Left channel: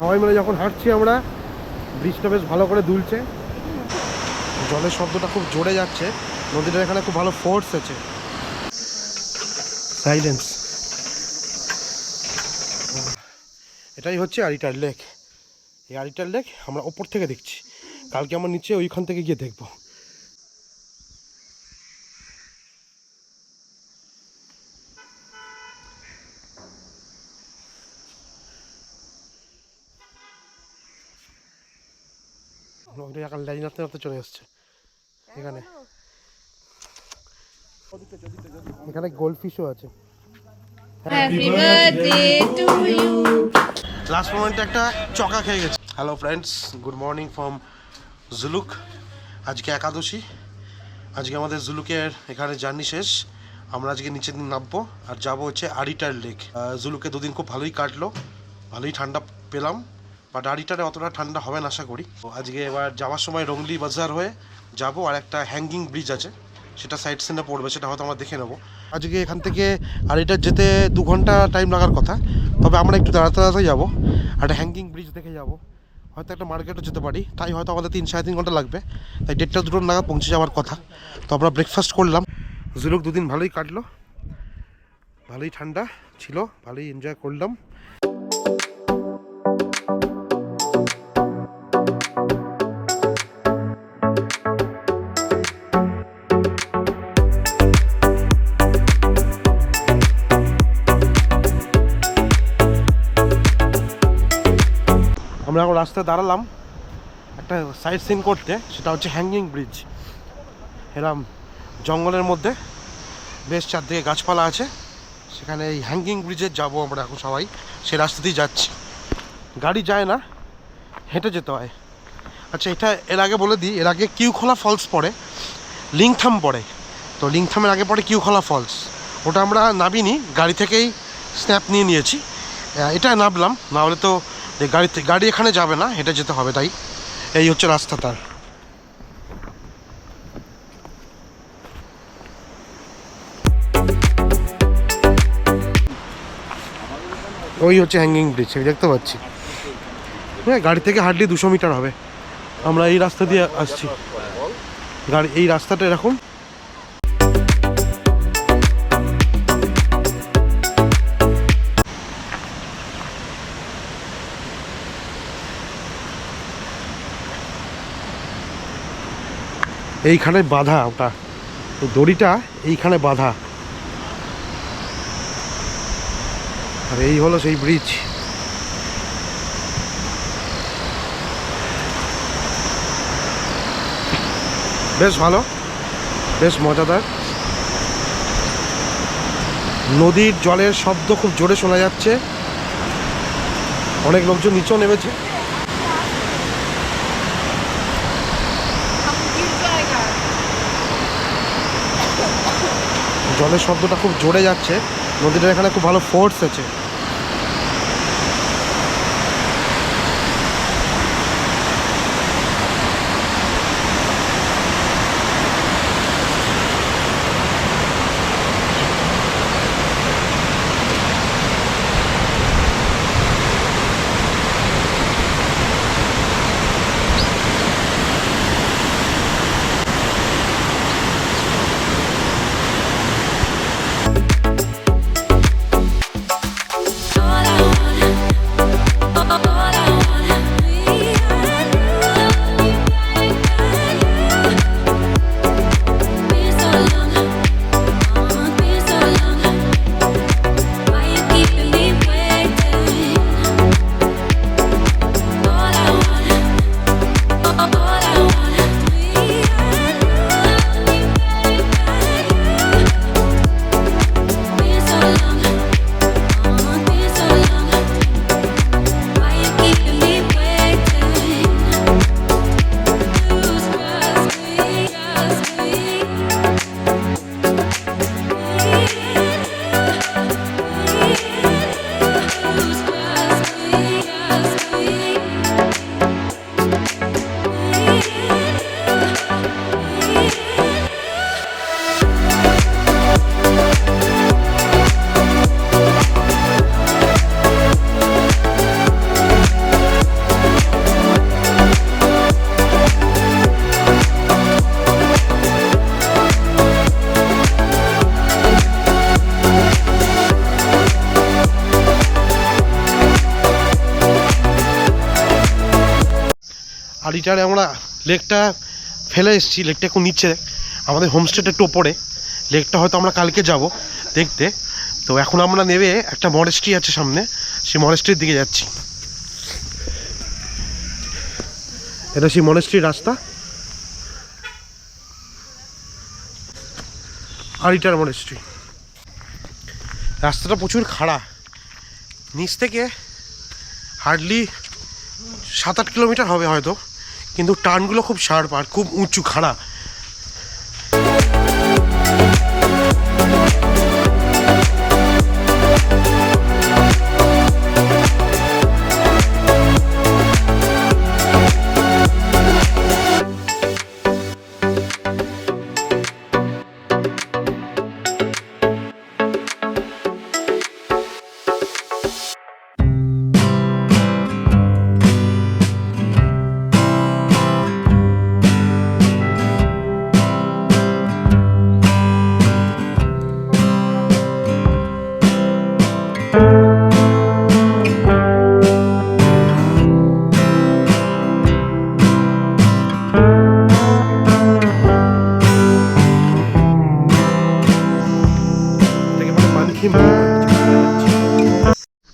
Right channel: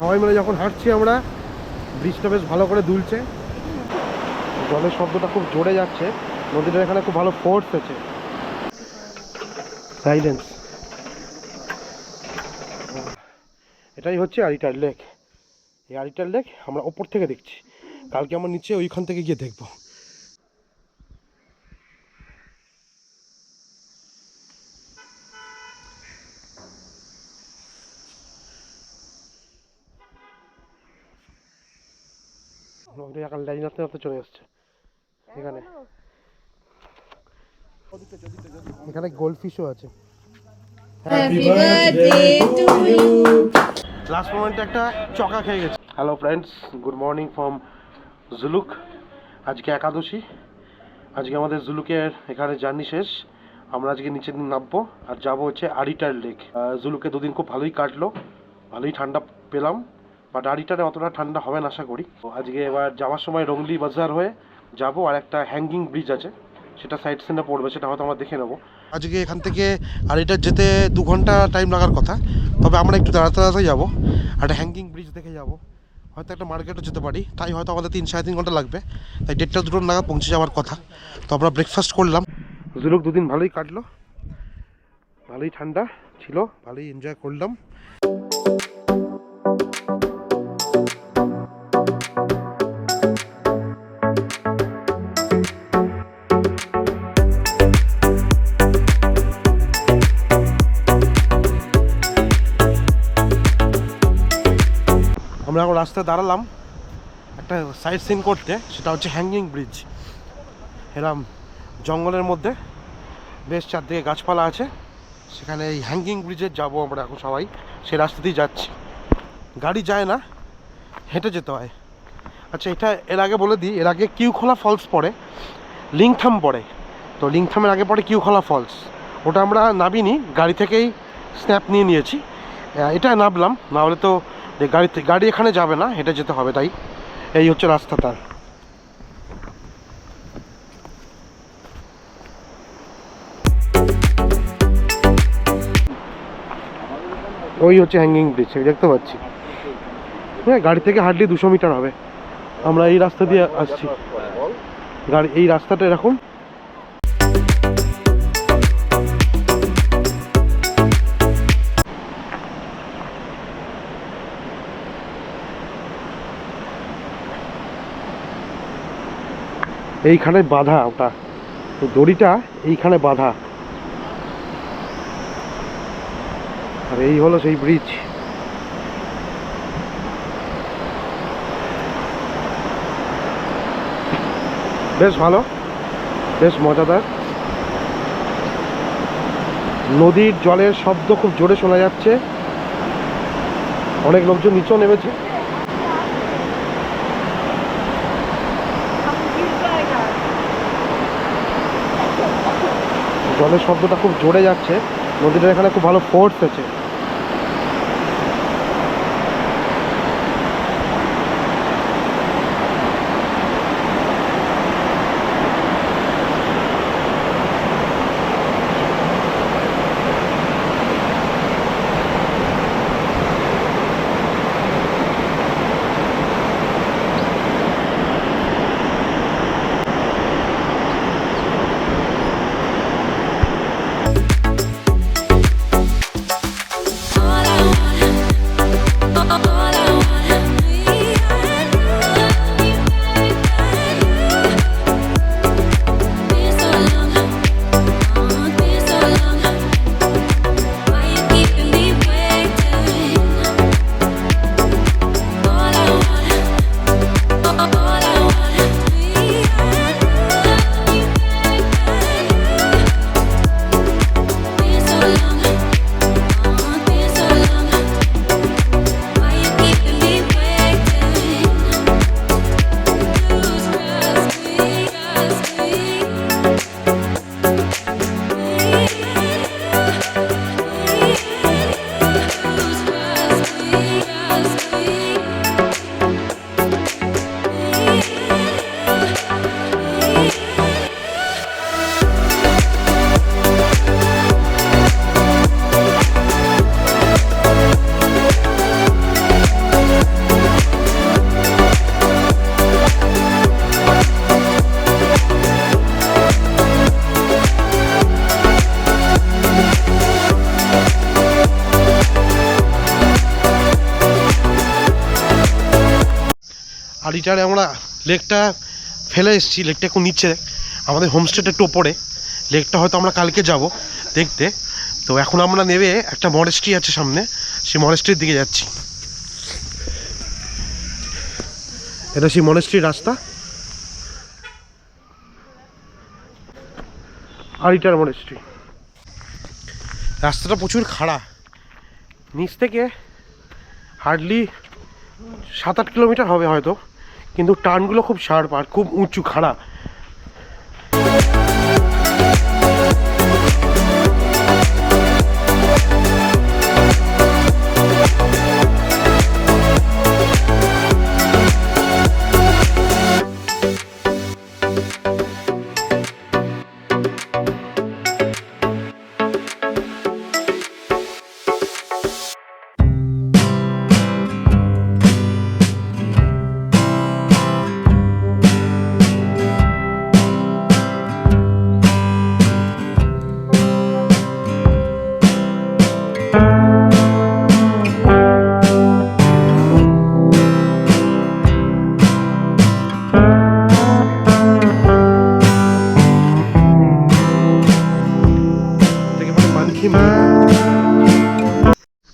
সবাই মিলে যখন হাঁটছি আমরা, ব্রিজটা বেশ ভালো করে দুলছে, জলের শব্দটা খুব জোরে যাচ্ছে, নদীটার এখানে খুব ভালো ফোর্স আছে। সাইলেন্স। এটাই হচ্ছে আরিটার লেক। এই আরিটার লেক আমরা ওপর থেকে দেখছি, কালকে আমরা নিচে ওইখান থেকে গিয়ে দেখবো। লাইন নাড়তে নাড়তে চলে আসছে এখানে। এখানে গোল্ডফিশও আছে। লাস্ট মোমেন্টে একটা চকা খেয়ে গেছে। Hello friends, good morning from Zuluk. আজকে একাদশী, আজকে আমাদের জুলুকের এখানে জার্নি শেষ। আমরা আজকে নিচে নামবো আর যাবো হচ্ছে আরিটার লেক। জুলুকে দুদিন খুব ভালোই কাটলো, ভালোই ঠান্ডা পেলাম, বাট আরিটারে অতটা ঠান্ডা হবে না আশা করি। তো আজকে এবার যাওয়ার সময় রংলি বাজার হয়ে যাবো, আর একটা হ্যাঙ্গিং ব্রিজ আছে, সেটা সাইড সিনে পড়বে, সেটা হয়তো আমরা দেখে নেবো। আজকে এখান থেকে আরিটার যেতে 2 ঘন্টা টাইম লাগার কথা, তবে আমরা একটু তাড়াতাড়ি যাবো, একটা হ্যাঙ্গিং ব্রিজ দেখে যাবো, হয়তো একটা মার্কেটও যেতে পারি, তাই হয়তো আমাদের 3-3.5 ঘন্টা লাগবে, তাই 1:30-2 নাগাদ পৌঁছে যাওয়ার কথা। তো আমরা ব্রেকফাস্ট করলাম। জুলুক দুদিন ভালোই কাটলো, ভালোই ঠান্ডা ছিল, ভালোই এনজয় করলাম। আমরা এখন রাস্তায় দাঁড়ালাম একটা সাইড সিন করতে, সেটা হচ্ছে হ্যাঙ্গিং ব্রিজ। এরম জঙ্গলের মধ্যে বেশ চারদিকে গাছপালা আছে, সেখানে এই হ্যাঙ্গিং ব্রিজে যাব আমরা এখন সবাই, সে রাস্তাতেই যাচ্ছি। গাড়ি যায় না, হেঁটে যেতে হয়। আচ্ছা, এটা এর আগে বলে দিই, এর আগে কিউখোলা ফলস পড়ে, লিংথাম পড়ে। তো লিংথামের আগে পড়ে কিউখোলা ফলস, ওটা আমরা নামিনি, গাড়ি থেকেই স্ন্যাপ নিয়েছি। এটা নামলাম, না হলে তো গাড়ি এখানে যাবে না, হেঁটে যেতে হবে, তাই এই হচ্ছে রাস্তা তার। ওই হচ্ছে হ্যাঙ্গিং ব্রিজ, দেখতে পাচ্ছি। হ্যাঁ, গাড়ি থেকে হার্ডলি 200 মিটার হবে। আমরা এই রাস্তা দিয়ে আসছি, গাড়ি এই রাস্তাটা এরকম। এইখানে বাঁধা, ওটা দড়িটা এইখানে বাঁধা, আর এই হলো সেই ব্রিজ। বেশ ভালো, বেশ মজাদার। নদীর জলের শব্দ খুব জোরে শোনা যাচ্ছে, অনেক লোকজন নিচেও নেমেছে। জলের শব্দটা খুব জোরে যাচ্ছে, নদীটার এখানে খুব ভালো ফোর্স আছে। আড়িটারে আমরা লেকটা ফেলে এসেছি, লেকটা একটু নিচে, আমাদের হোমস্টেটা একটু ওপরে। লেকটা হয়তো আমরা কালকে যাব দেখতে। তো এখন আমরা নেবে একটা মনেস্ট্রি আছে সামনে, সেই মনেস্ট্রির দিকে যাচ্ছি। এটা সেই মনেস্ট্রির রাস্তা, আড়িটার মনেস্ট্রি। রাস্তাটা প্রচুর খাড়া, নিচ থেকে হার্ডলি 7-8 কিলোমিটার হবে হয়তো, কিন্তু টার্নগুলো খুব শার্প আর খুব উঁচু খাড়া।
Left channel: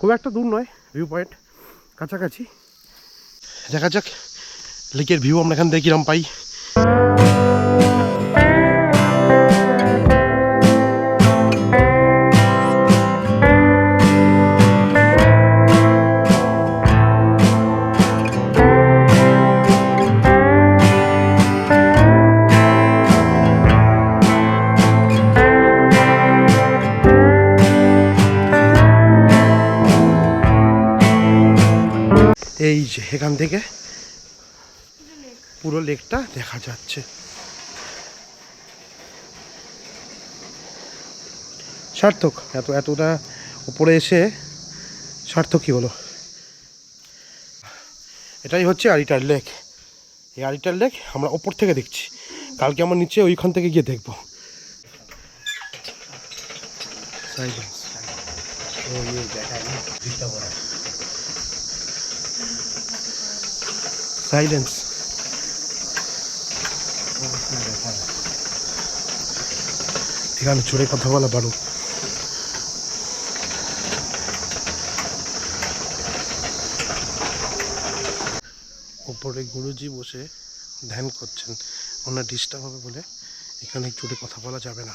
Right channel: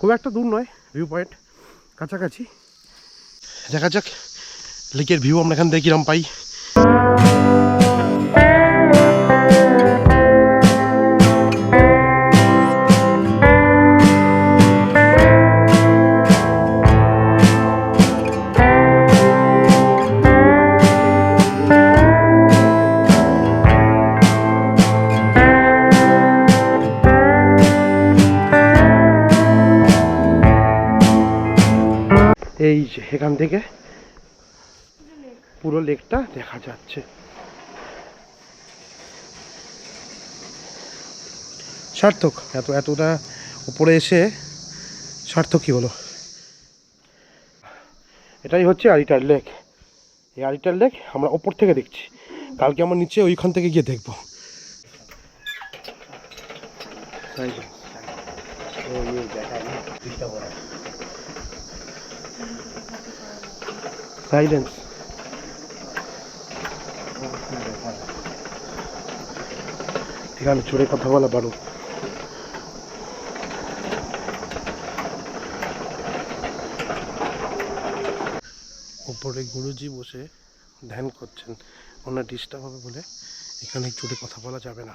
খুব একটা দূর নয়, ভিউ পয়েন্ট কাছাকাছি। দেখা যাক লেকের ভিউ আমরা এখান থেকে কিরম পাই। এই যে এখান থেকে পুরো লেকটা দেখা যাচ্ছে। সার্থক, এতটা উপরে এসে সার্থকই হলো। এটাই হচ্ছে আড়িটার লেক। এই আড়িটার লেক আমরা ওপর থেকে দেখছি, কালকে আমরা নিচে ওইখান থেকে গিয়ে দেখবো। সাইলেন্স। এখানে জোরে কথা বলা বারো। ওপরে গুরুজি বসে ধ্যান করছেন, ওনার ডিস্টার্ব হবে বলে এখানে জোরে কথা বলা যাবে না।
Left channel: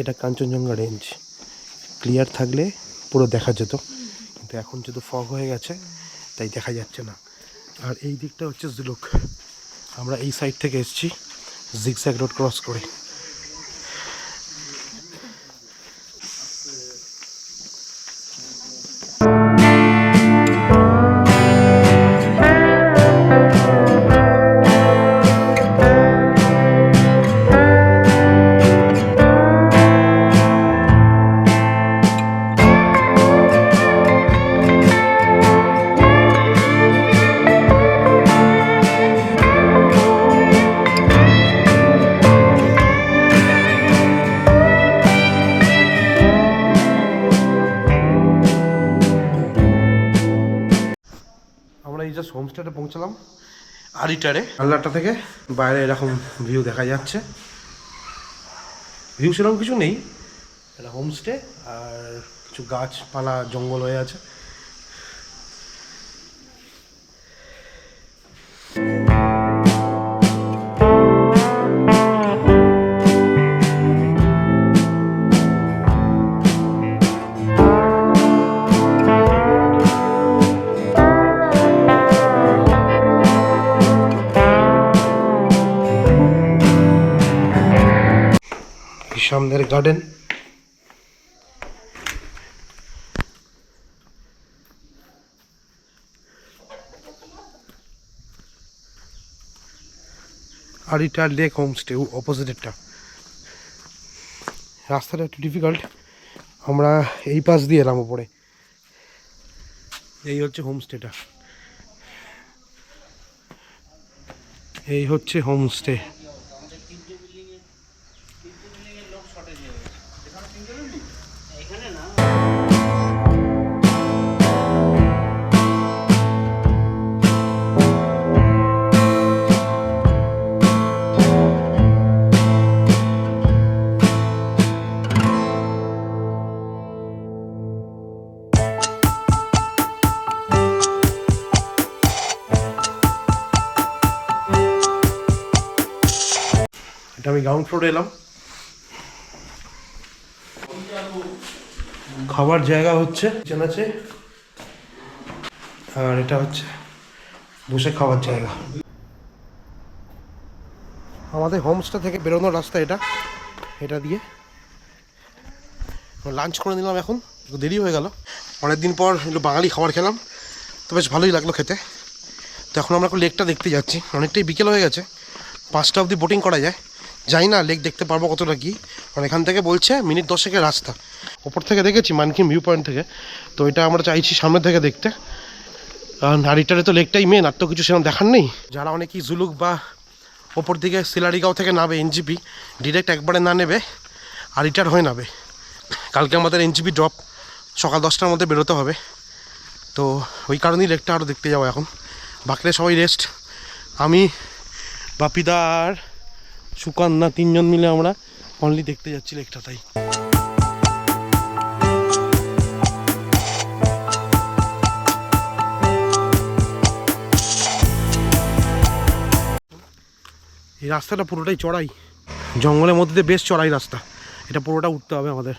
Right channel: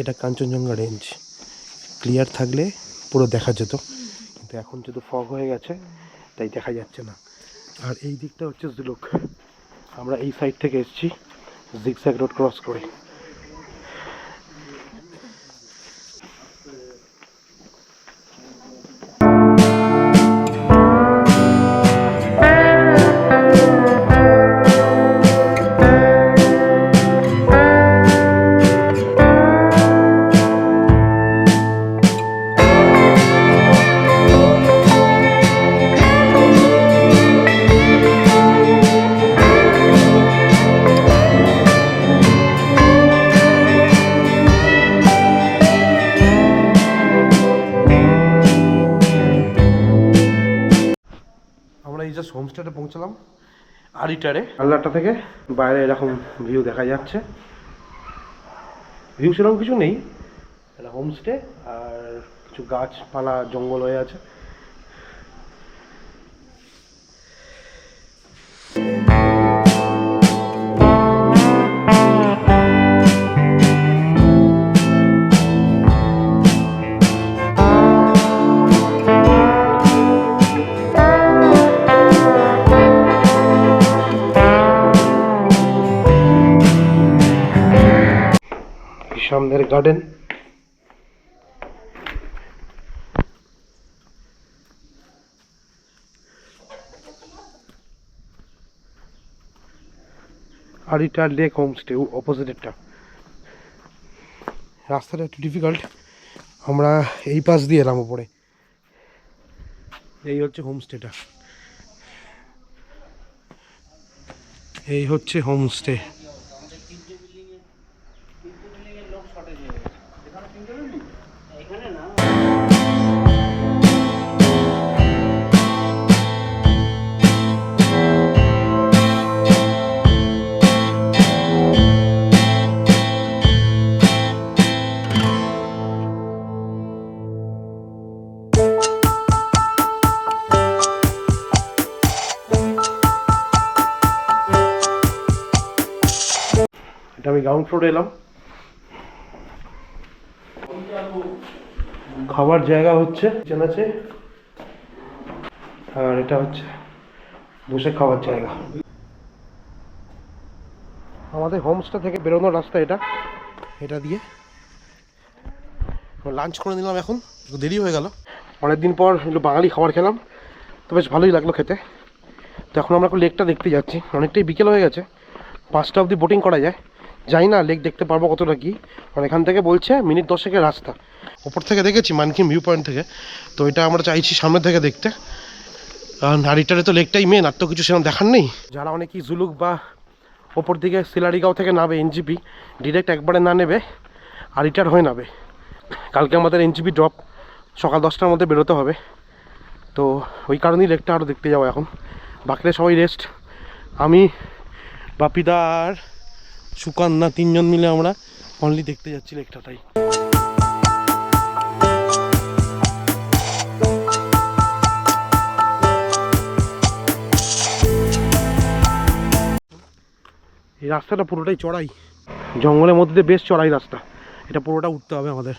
এটা কাঞ্চনজঙ্ঘা রেঞ্জ, ক্লিয়ার থাকলে পুরো দেখা যেত, কিন্তু এখন যেহেতু ফগ হয়ে গেছে তাই দেখা যাচ্ছে না। আর এই দিকটা হচ্ছে জুলুক, আমরা এই সাইড থেকে এসেছি জিগজ্যাগ রোড ক্রস করে। এই জাস্ট হোমস্টেতে পৌঁছলাম আড়িটারে। আল্লাহটা থেকে বাইরে এরকম ভিউ দেখা যাচ্ছে। ভিউ সেরকম কিছু নেই, এটা হোমস্টে আর কিছু গাছপালা জঙ্গল হয়ে আছে। সামনের গার্ডেন, আড়িটার লেক হোমস্টে অপোজিটেরটা। রাস্তাটা একটু ডিফিকাল্ট, আমরা এই পাশ দিয়ে এলাম ওপরে। এই হচ্ছে হোমস্টেটা, এই হচ্ছে হোমস্টে। এটা আমি গ্রাউন্ড ফ্লোরে এলাম। খাবার জায়গা হচ্ছে কিচেন আছে, আর এটা হচ্ছে বসে খাওয়ার জায়গা। আমাদের হোমস্টে থেকে বেরোনোর রাস্তা এটা দিয়ে লাঞ্চ করে নিলাম। এখন একটু দেরি হয়ে গেল, অনেকদিন পর একটু বাঙালি খাবার খেলাম, তো বেশ ভালোই লাগলো খেতে। তো এখন আমরা লেকটা দেখতে যাচ্ছি, অনেকটাই বিকেল হয়ে গেছে, 5টা অবধি বোটিং করা যায়। যাই না লেক দেখতে পারবো কতটা কি, কারণ এখান থেকে বলছে মিনিট 10-এর রাস্তা। ওপর থেকে দেখেছি মানকিন ভিউ পয়েন্ট থেকে, তো এটা আমরা চাইছি সামনে থেকে দেখতে, কারণ হারিটারে তো লেকটাই মেন, আর তো কিছু সেরকম দেখার নেই। যারা অনেকেই জুলুক বা ওপর দিকে সিলারিগাঁও থেকে নাবে এনজিপি, ডিরেক্ট একবারে না নেবে হারিটার হয়ে নাবে। কালকে আমাদের এনজিপি ড্রপ, সকাল 10টার মধ্যে বেরোতে হবে, তো ওই কারণেই লেকটা আরও দেখতে যাবো। এখন বাকিরা সবাই রেস্ট, আমি বাপিদা আর সুকান্না 3জন মিলে আমরা অনলি দেখতে যাচ্ছি লেকটা। তাই এই রাস্তাটা পুরোটাই চড়াই, জঙ্গলের মধ্যে বেশ চড়াই রাস্তা, এটা পুরোটা উঠতে হবে আমাদের।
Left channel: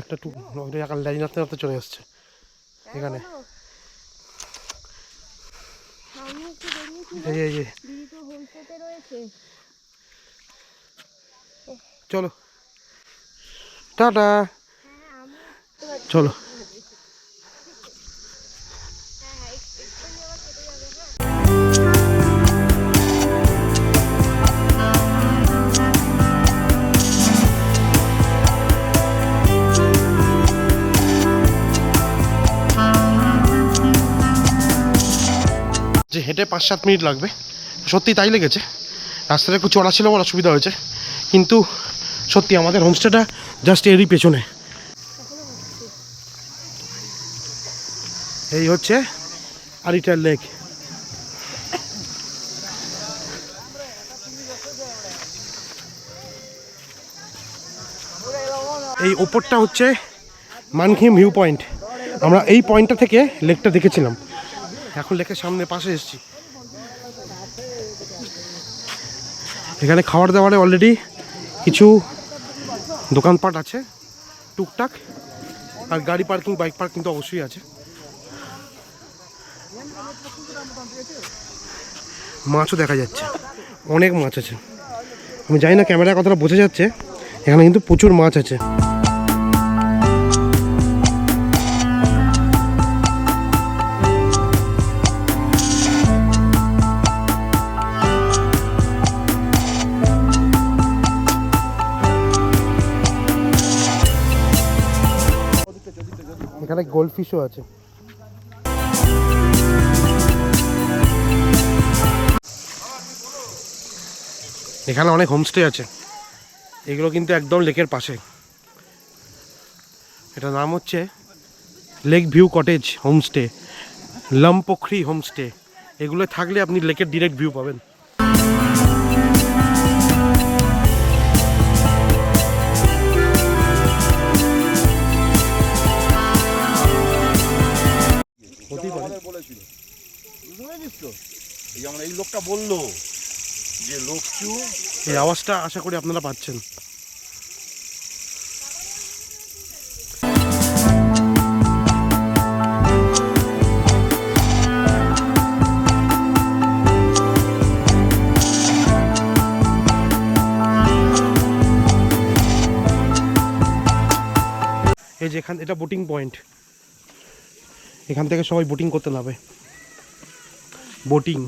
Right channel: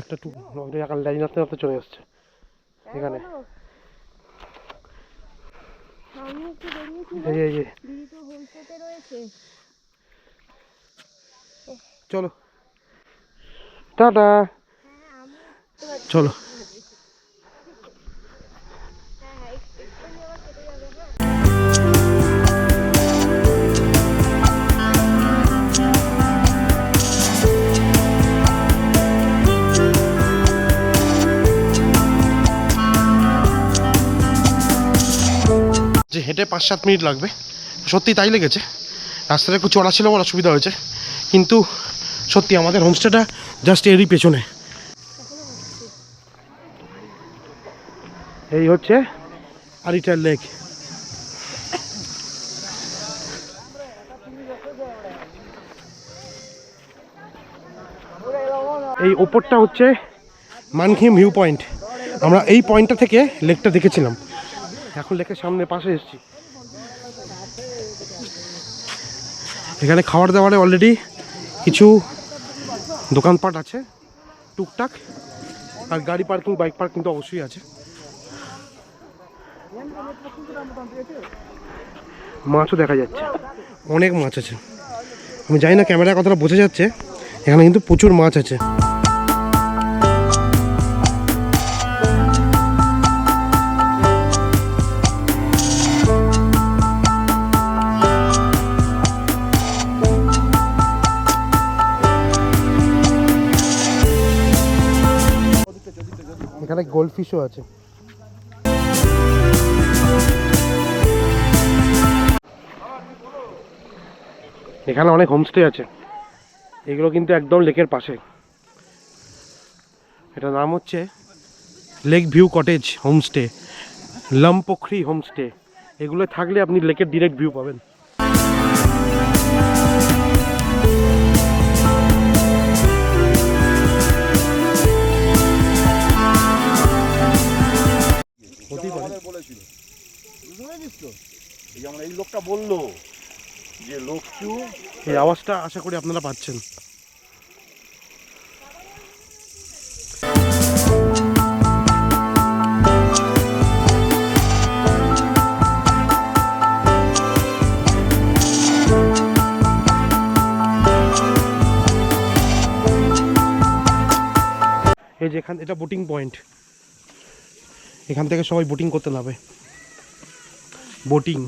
একটা লাইন রাস্তা রাস্তা চলে আসছে এখানে, চলো টাটা, চলো। যে হেঁটে 5-7 মিনিট লাগবে, সত্যি তাই লেগেছে। রাস্তাটা একটু চড়া ছিল বলে অসুবিধা হয়েছে, কিন্তু সত্যি আমাদের হোমস্টেটা জাস্ট এরই পেছনে। এই হচ্ছে আরিটার লেক। এই ওপরটা হচ্ছে মানকিন ভিউ পয়েন্ট, আমরা এই পয়েন্টটা থেকে লেকটা দেখেছিলাম। এখন লেকের সামনে পাশে এসেছি, এখানে খাবার দাবারে অলরেডি কিছু দোকানপাট আছে টুকটাক, আর গাড়ি পার্কিং, বাইক পার্কিং তো অবশ্যই আছে। মাছও দেখা যাচ্ছে, অনেক মাছ আছে। আমি জানি না ক্যামেরায় কতটা বোঝা যাচ্ছে, এখানে কিন্তু প্রচুর মাছ আছে। এখানে গোল্ডফিশও আছে। এখানে অনেক হোমস্টে আছে, এগুলো কিন্তু একদম লেকের পাশে। এটার নাম হচ্ছে lake view cottage homestay, Lampokhari homestay. এগুলো থাকলে আপনি লেকের ডিরেক্ট ভিউ পাবেন। বলেছিল এই লোকটা বললো যে লোকচু, এই আওয়াজটা আশা করি আপনারা পাচ্ছেন। এই যে এটা বোটিং পয়েন্ট, এখান থেকে সবাই বোটিং করতে নামে। বোটিং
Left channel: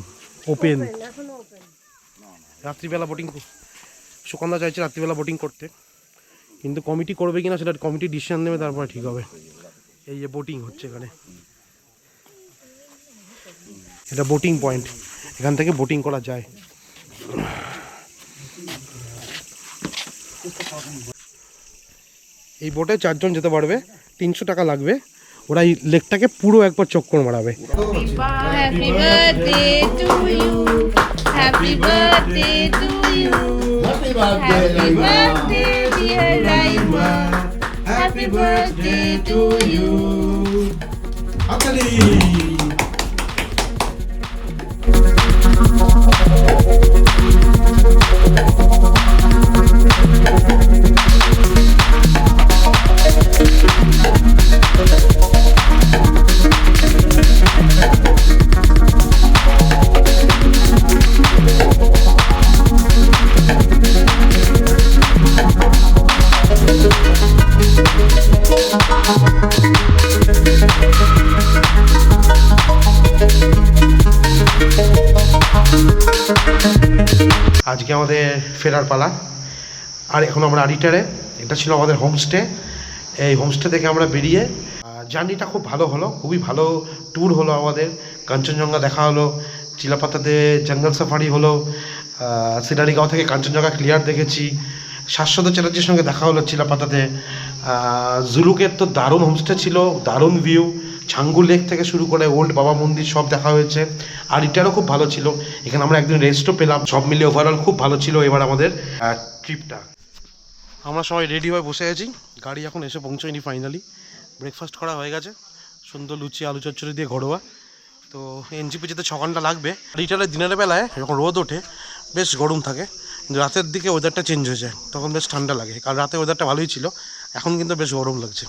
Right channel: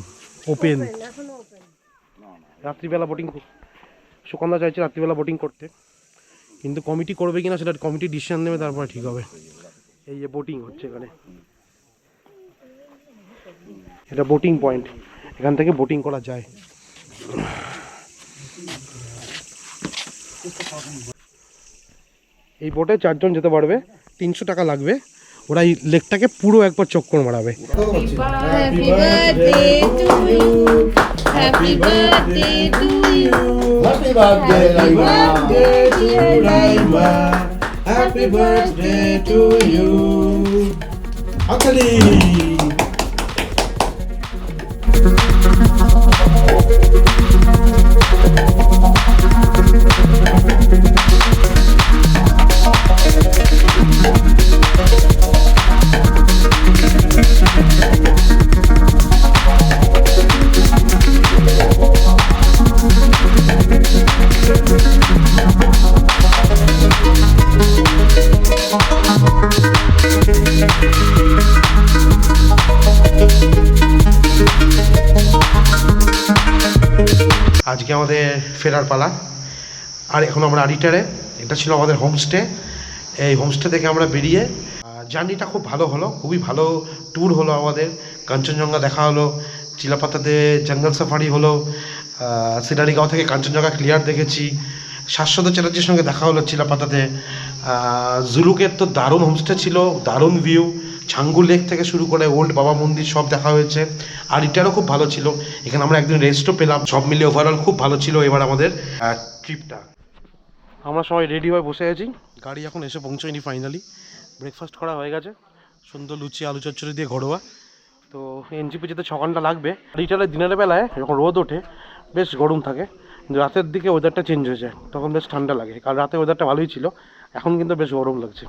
ওপেন, রাত্রিবেলা বোটিং। সুকান্না চাইছে রাত্রিবেলা বোটিং করতে, কিন্তু কমিটি করবে কিনা সেটা কমিটি ডিসিশন নেবে, তারপরে ঠিক হবে। এই যে বোটিং হচ্ছে এখানে, এটা বোটিং পয়েন্ট, এখান থেকে বোটিং করা যায়। এই বোটে 4 জন যেতে পারবে, 300 টাকা লাগবে। ওরা এই লেকটাকে পুরো একবার চক্কর মারাবে। Happy birthday to you. Happy birthday to you. Happy birthday, Laima. Dear Laima. Happy birthday to you. Akali. আজকে আমাদের ফেরার পালা। আর এখন আমরা আরিটারে, এটা ছিল আমাদের হোমস্টে। এই হোমস্টে থেকে আমরা বেরিয়ে জার্নিটা খুব ভালো হলো, খুবই ভালো ট্যুর হলো আমাদের। কাঞ্চনজঙ্ঘা দেখা হলো, চিলাপাতাতে জঙ্গল সাফারি হলো, সিনারিগাঁও থেকে কাঞ্চনজঙ্ঘা ক্লিয়ার দেখেছি, শাশ্বত চ্যাটার্জির সঙ্গে দেখা হলো চিলাপাতাতে। জুলুকের তো দারুণ হোমস্টে ছিল, দারুণ ভিউ, ছাঙ্গু লেক থেকে শুরু করে ওল্ড বাবা মন্দির সব দেখা হয়েছে। আর এটারও খুব ভালো ছিল, এখানে আমরা একদিন রেস্টও পেলাম। সব মিলিয়ে ওভারঅল খুব ভালো ছিল এবার আমাদের ট্রিপটা। আমরা সবাই রেডি হয়ে বসে আছি, গাড়ি এখন এসে পৌঁছয়নি। ফাইনালি ব্রেকফাস্ট করা হয়ে গেছে, সুন্দর লুচি আলু চচ্চড়ি দিয়ে ঘরোয়া। তো এনজিপি যেতে 6 ঘন্টা লাগবে। রিটারে দিনের বেলায় যখন রোদ ওঠে বেশ গরম থাকে, কিন্তু রাতের দিকে ওয়েদারটা চেঞ্জ হয়ে যায়, তখন বেশ ঠান্ডা লাগে। কারণ রাতে ওয়েদারটা ভালোই ছিল, এখন কিন্তু বেশ গরম লাগছে।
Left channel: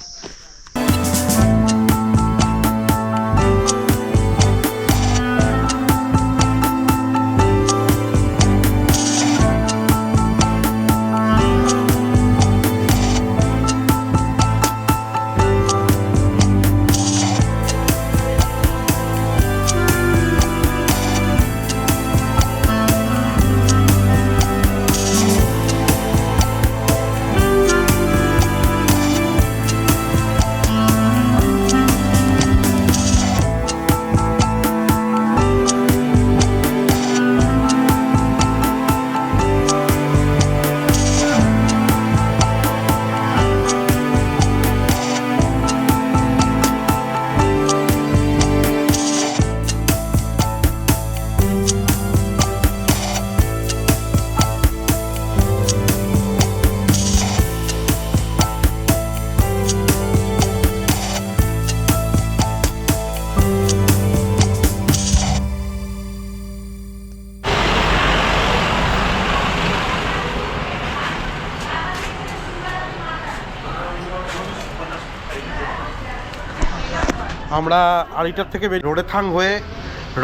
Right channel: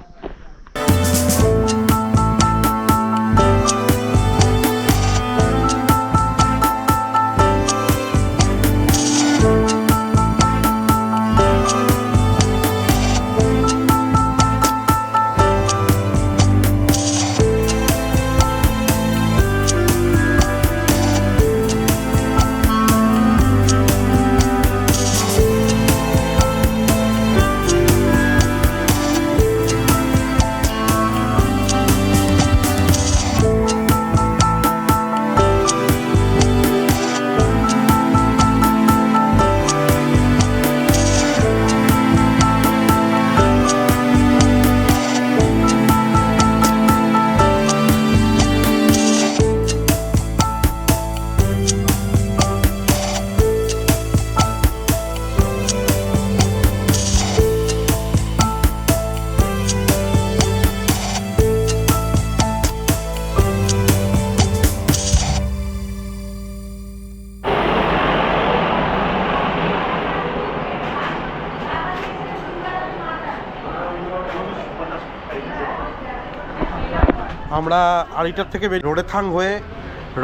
আমরা আরিটার থেকে রোডেথাং হয়ে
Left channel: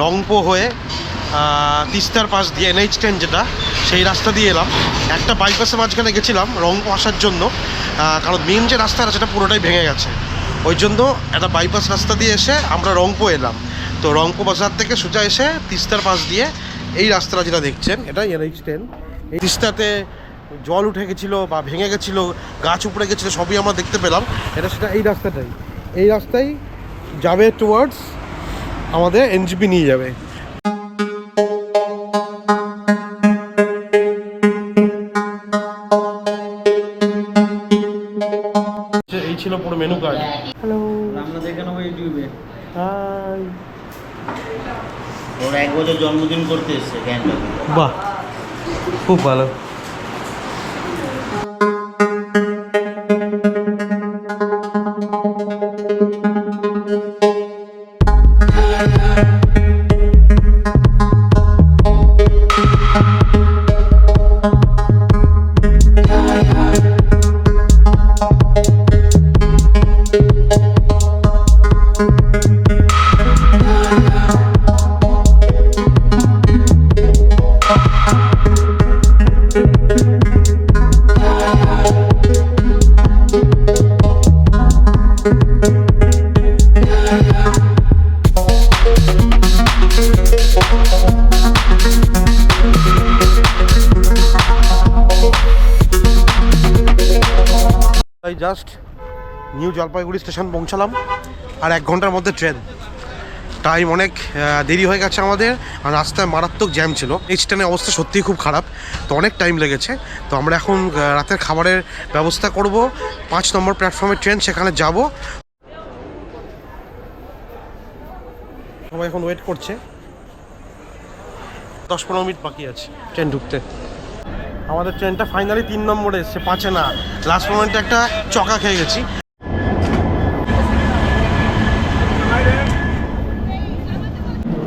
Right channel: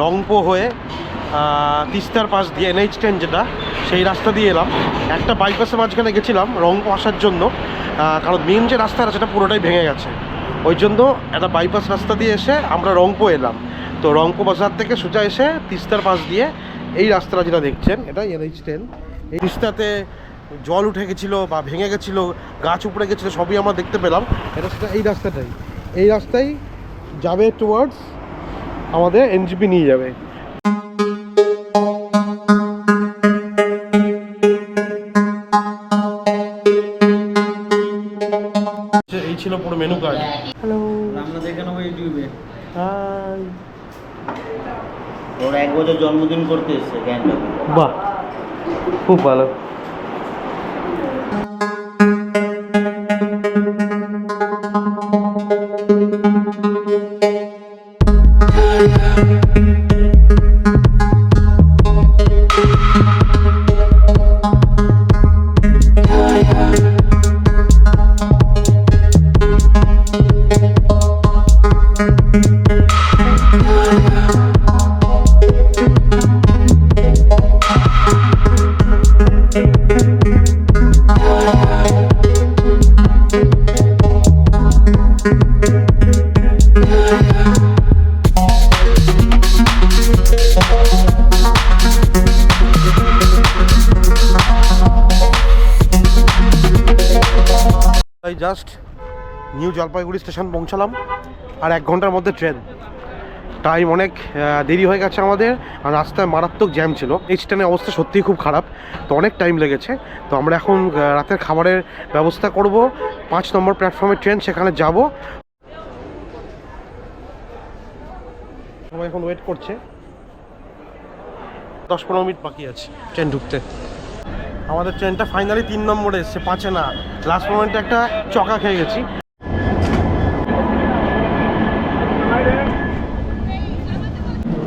রংপো হয়ে তিস্তার পাশ দিয়ে NH10 যেটা, সেই রাস্তা দিয়ে এলাম। একটা বাইপাসের মাঝখানে গেছিলাম রংপো আসার জন্য, কারণ মেন যে রাস্তাটা সেটা পুরোটাই ভেঙে গেছে। ওই জন্য একটা বাইপাস রাস্তা দিয়ে এসে আমরা রংপো এলাম। তো রংপো বাজার থেকে সোজা এসে তিস্তার পাশ দিয়ে এই রাস্তাটা যেটা দেখছেন, এটা NH10। এই তিস্তাতে জল উঠে গেছিলো বা ভেঙে গেছিলো, গাছ উপড়ে গেছিলো, সবই আমরা দেখতে পেলাম। এটা সেটা এই রাস্তাটাই, এই রাস্তায় যাবে টুয়ার্ডস আমাদের এনজিপি নিয়ে যাবে। এই ছিল পুরো মেনু কার্ড। হ্যালো, আমরা দেখে নেবো ইউটিউবে। হাই, ওর 1 বছর জন্মদিন করতে এসছে গ্যাংটকে। বাহ, খুব ভালো। জাস্ট নিউ জলপাইগুড়ি স্টেশন পৌঁছালাম, আর 1 ঘন্টার মধ্যে ট্রেন। টাইম অনেক দেরি হয়ে গেছে আমাদের, আর রাস্তায় মারাত্মক জ্যাম ছিল। এই ট্রেনের অবস্থা সত্যিই খুব খারাপ, তো অনেক টাইম লেগেছে। তো আমরা এখন রাতের খাবারের ব্যবস্থা করব। 5 নম্বর প্ল্যাটফর্মের ট্রেন, সেখানে যাব। সবাই এখন ওয়েট করছে, 10-15 মিনিট বাকি আছে ট্রেন ঢুকতে। আমাদের ট্রেনটা ফাইনালি 3 নম্বরে এসছে, 5-এ না। লাস্ট মোমেন্টে একটা চকা খেয়ে গেছি।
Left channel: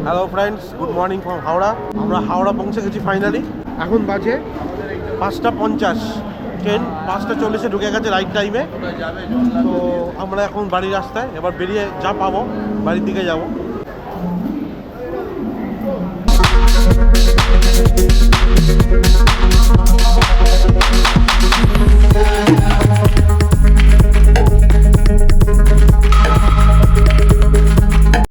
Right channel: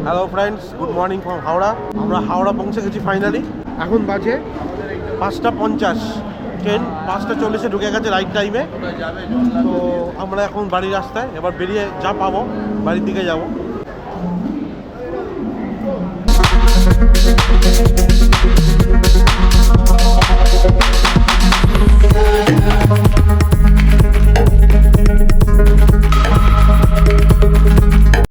Hello friends, good morning from Howrah. আমরা হাওড়া পৌঁছে গেছি ফাইনালি। এখন বাজে 5:50, ট্রেন 5:40-এ ঢুকে গেছে রাইট টাইমে। তো আমরা এখন বাড়ির রাস্তায়, এবার বেরিয়ে যা পাবো বাড়ির দিকে যাব।